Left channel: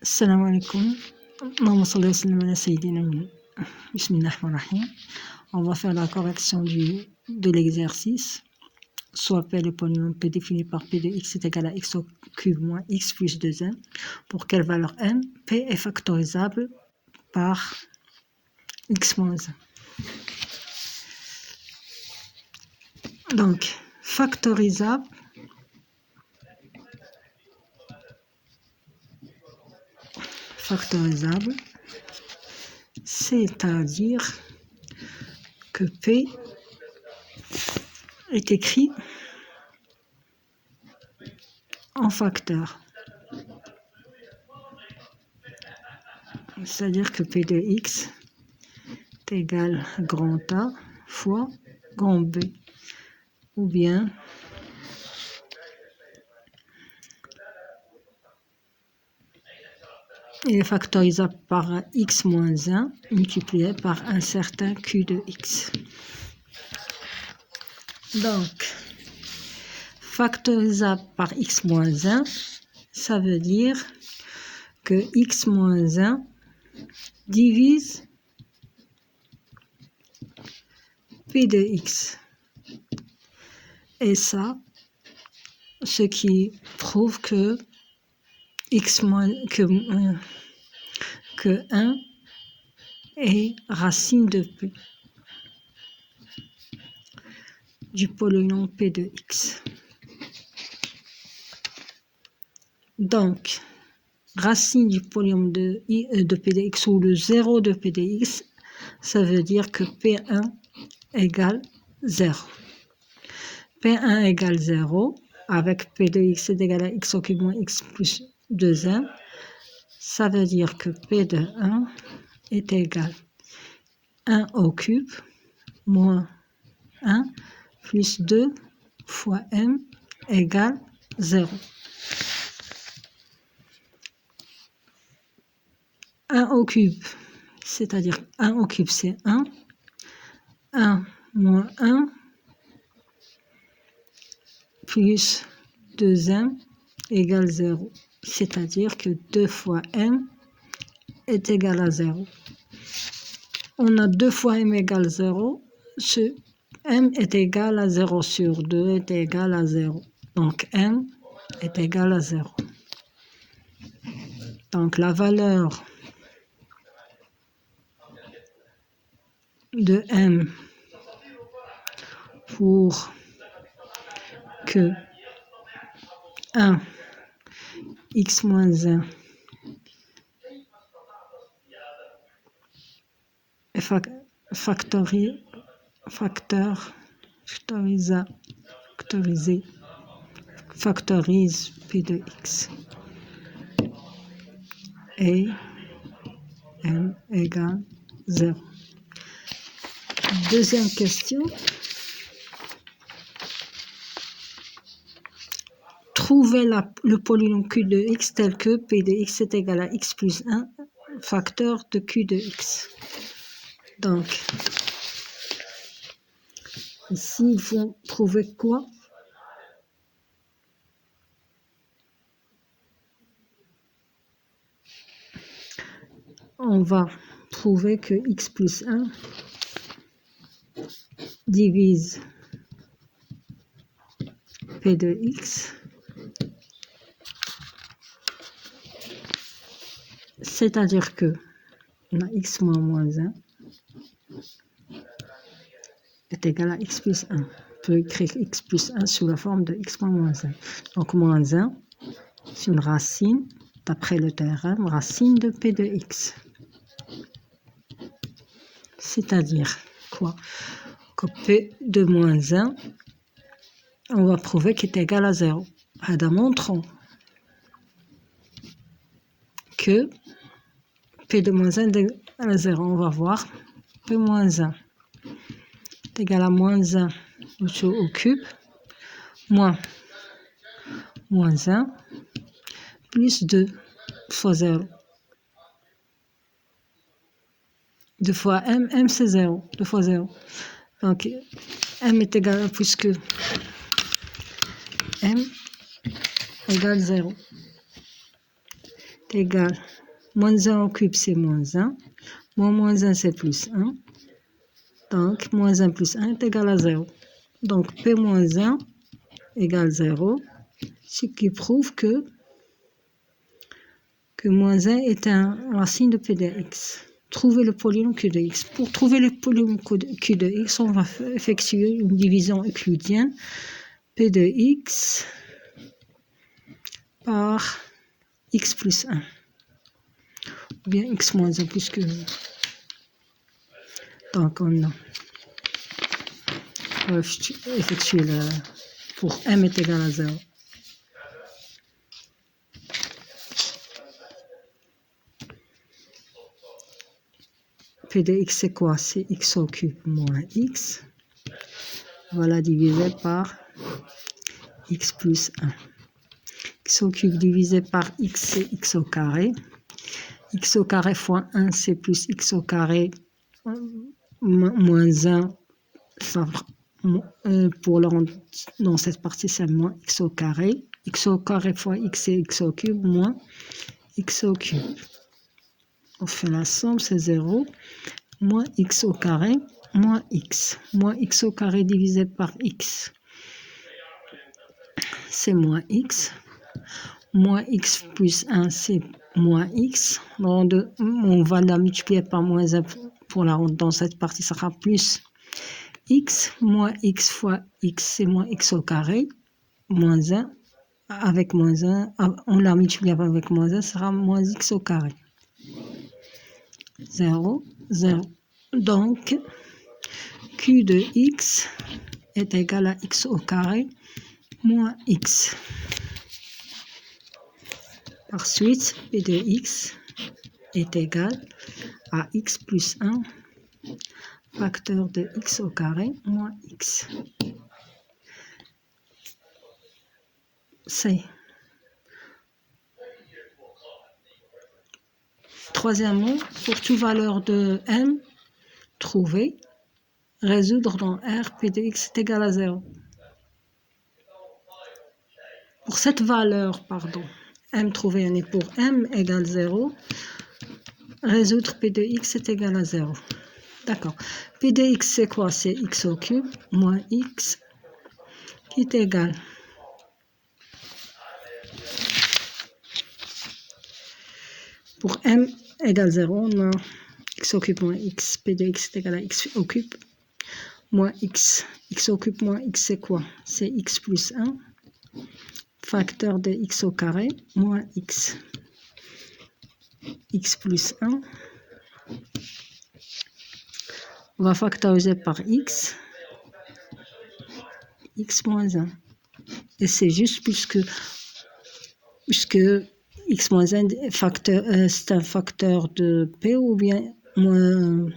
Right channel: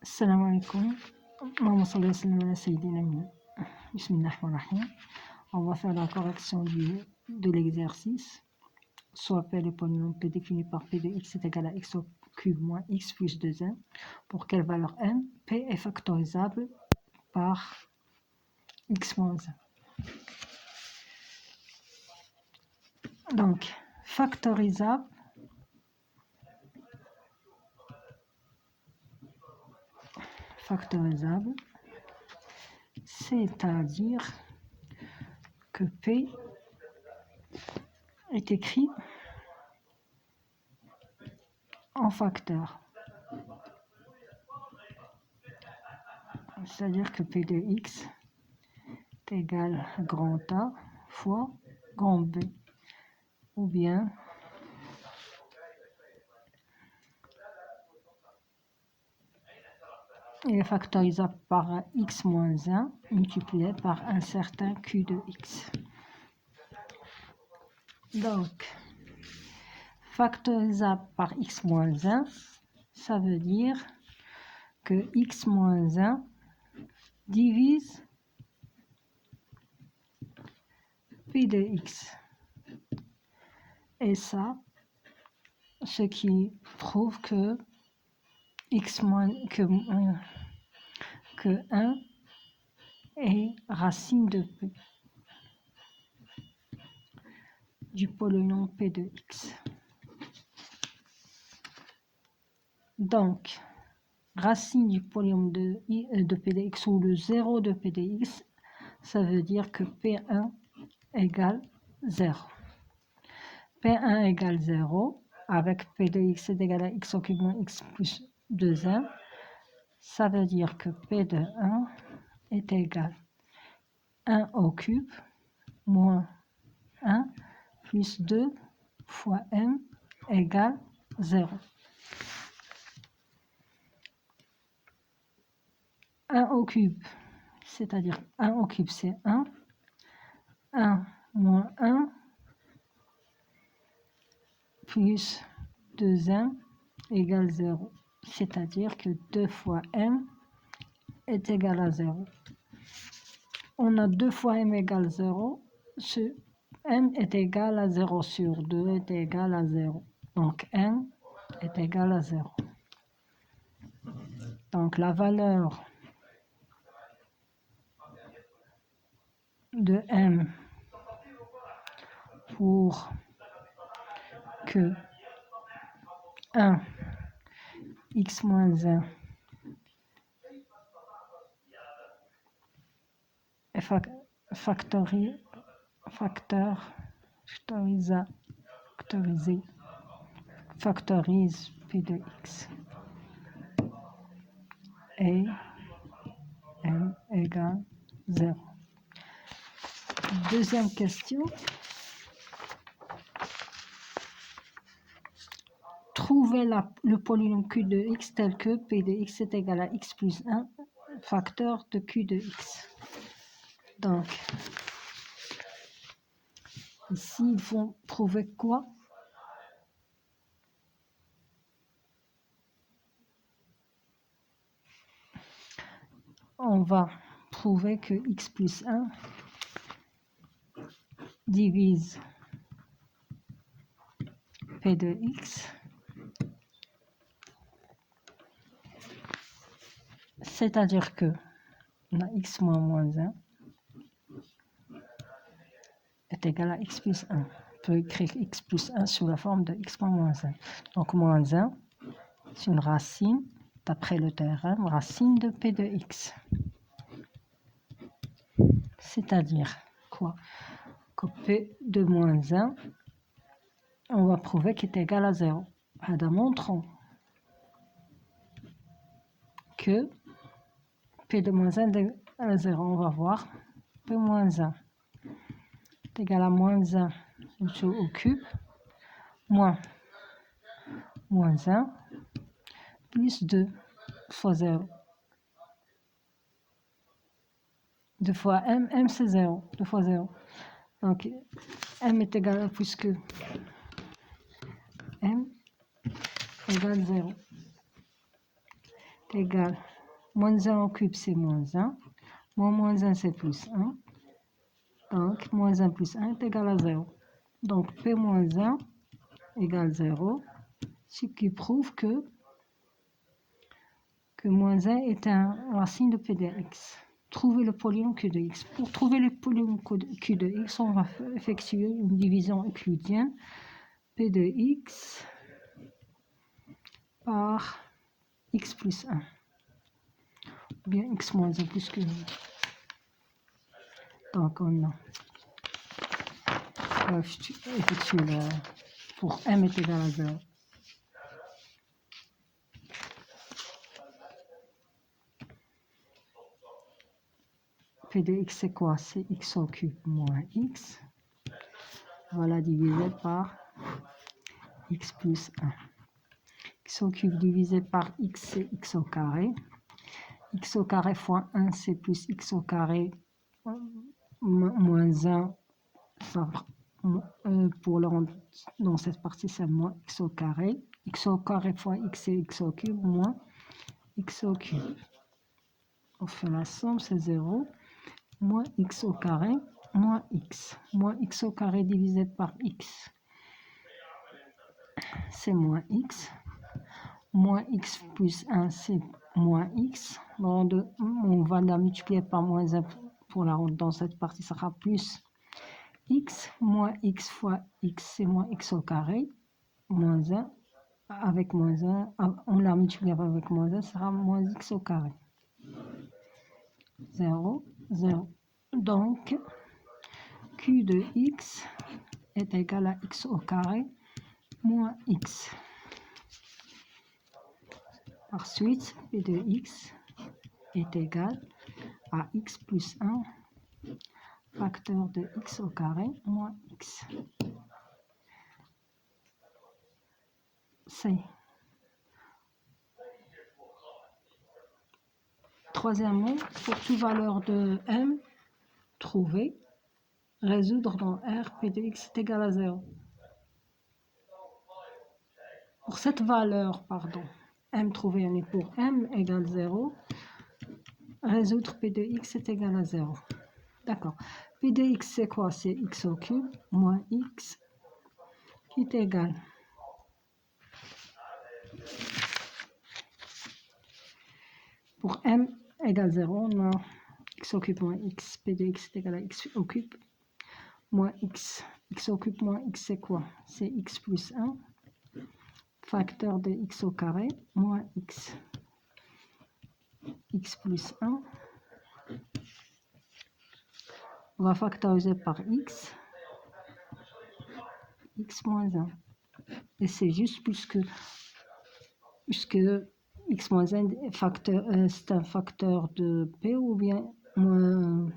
Assalamu alaikum. Bismillahirrahmanirrahim. On va faire la correction de l'exercice. Soit P, le polynôme P défini par P de x est égal à x au cube moins x plus 2n. Pour quelle valeur n? P est factorisable par x moins 1. Donc, factorisable, c'est-à-dire que P est écrit en facteur. C'est-à-dire que P de x est égal à grand A fois grand B. Ou bien il est factorisable par x moins 1 multiplié par un certain q de x. Donc, factorisable par x moins 1, ça veut dire que x moins 1 divise p de x. Et ça, ce qui prouve que x moins que 1 est racine de p du polynôme p de x. Donc, racine du polynôme de p de x ou le 0 de p de x, ça veut dire que p1 égale 0. P1 égale 0 avec p de x est égal à x au cube moins x plus 2n. Ça veut dire que p de 1 est égal à 1 au cube moins 1 plus 2 fois m égale 0. 1 au cube, c'est-à-dire 1 au cube c'est 1. 1 moins 1 plus 2m égale 0. C'est-à-dire que 2 fois m est égal à 0. On a 2 fois m égale 0. Ce m est égal à 0 sur 2 est égal à 0. Donc m est égal à 0. Donc la valeur de m pour que 1 x moins 1 est factorise p de x et m égale 0. Deuxième question. Trouvez le polynôme q de x tel que p de x est égal à x plus 1 facteur de q de x. Donc, ici, il faut trouver quoi? On va trouver que x plus 1 divise p de x, c'est-à-dire que on a x moins 1 est égal à x plus 1. On peut écrire x plus 1 sous la forme de x moins 1. Donc moins 1, c'est une racine, d'après le théorème, racine de p de x. C'est-à-dire quoi? Que p de moins 1, on va prouver qu'il est égal à 0. Montrons que p de moins 1 est égal à 0. On va voir p moins 1 est égal à moins 1 au cube moins 1 plus 2 fois 0. 2 fois m c'est 0, 2 fois 0. Donc m est égal à, puisque m égale 0. est égal, moins 1 au cube c'est moins 1, moins 1 c'est plus 1, donc moins 1 plus 1 est égal à 0. Donc P moins 1 égale 0, ce qui prouve que moins 1 est un racine de P de x. Trouver le polynôme Q de x. Pour trouver le polynôme Q de x, on va effectuer une division euclidienne. P de x par x plus 1. Ou bien x moins 1 plus que... Donc on va effectuer pour m est égal à 0. P de x c'est quoi? C'est x au cube moins x. Voilà divisé par x plus 1. X au cube divisé par x c'est x au carré. X au carré fois 1 c'est plus x au carré moins 1. Ça, pour le rendre dans cette partie c'est moins x au carré. X au carré fois x c'est x au cube moins x au cube. On fait la somme, c'est 0. Moins x au carré moins x. Moins x au carré divisé par x, c'est moins x. Moins x plus 1, c'est moins x. On va la multiplier par moins 1 pour la rendre dans cette partie, ça sera plus x. Moins x fois x, c'est moins x au carré. Moins 1, avec moins 1, on la multiplie avec moins 1, ça sera moins x au carré. 0, 0. Donc, Q de x est égal à x au carré moins x. Par suite, P de x est égal à x plus 1 facteur de x au carré moins x. C'est. Troisièmement, pour toute valeur de m, trouver, résoudre dans R, P de x est égal à 0. Pour cette valeur, m trouvé est pour m égale 0, résoudre P de x est égal à 0. D'accord. P de x c'est quoi? C'est x au cube moins x qui est égal. Pour m égale 0, on a x au cube moins x. P de x est égal à x au cube moins x. X au cube moins x c'est quoi? C'est x plus 1 facteur de x au carré moins x. X plus 1. On va factoriser par x. X moins 1. Et c'est juste puisque x moins 1 c'est un facteur de p ou bien moins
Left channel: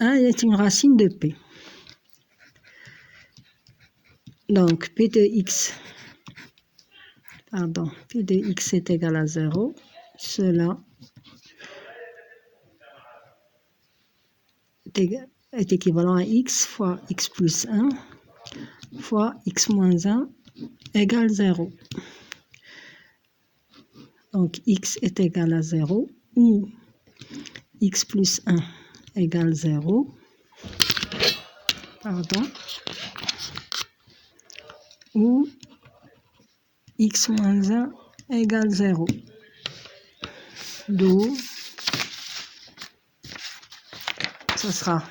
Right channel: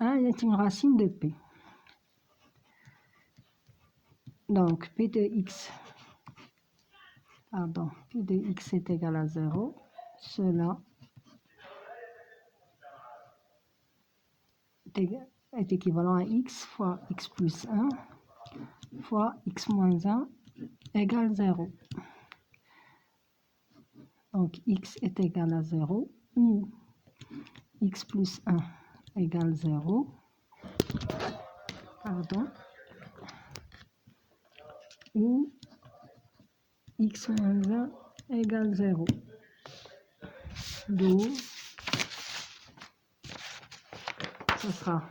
1 est une racine de p. Donc P de x est égal à 0. Cela est équivalent à x fois x plus 1 fois x moins 1 égale 0. Donc x est égal à 0 ou x plus 1 égale 0. Ou x moins 1 égale 0. D'où ce sera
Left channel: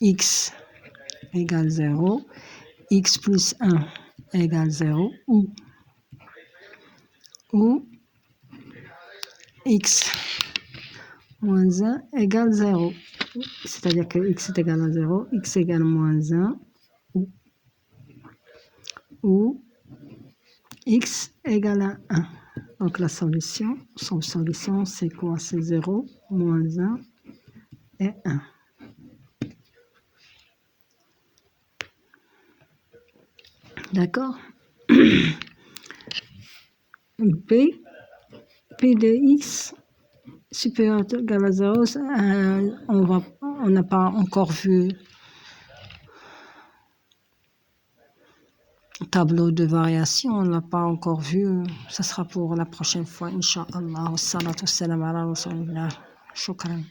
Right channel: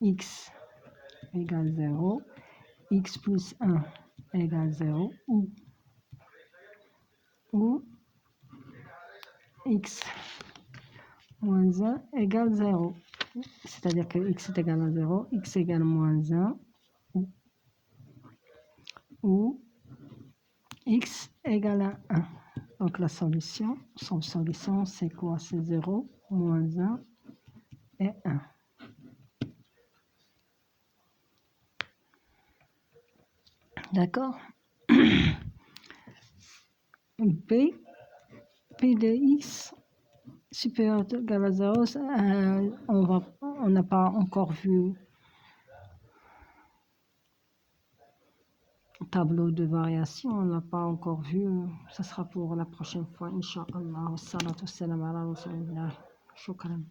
x égale 0, x plus 1 égale 0 ou x moins 1 égale 0. C'est-à-dire que x est égal à 0, x égale moins 1 ou x égale à 1. Donc la solution, c'est quoi? C'est 0, moins 1 et 1. D'accord? P de x supérieur ou égal à 0, on n'a pas encore vu tableau de variation, on n'a pas encore vu. Ça sera pour la prochaine fois, Inch'Allah. Wassalatu wassalam ala rasulillah. Shukran.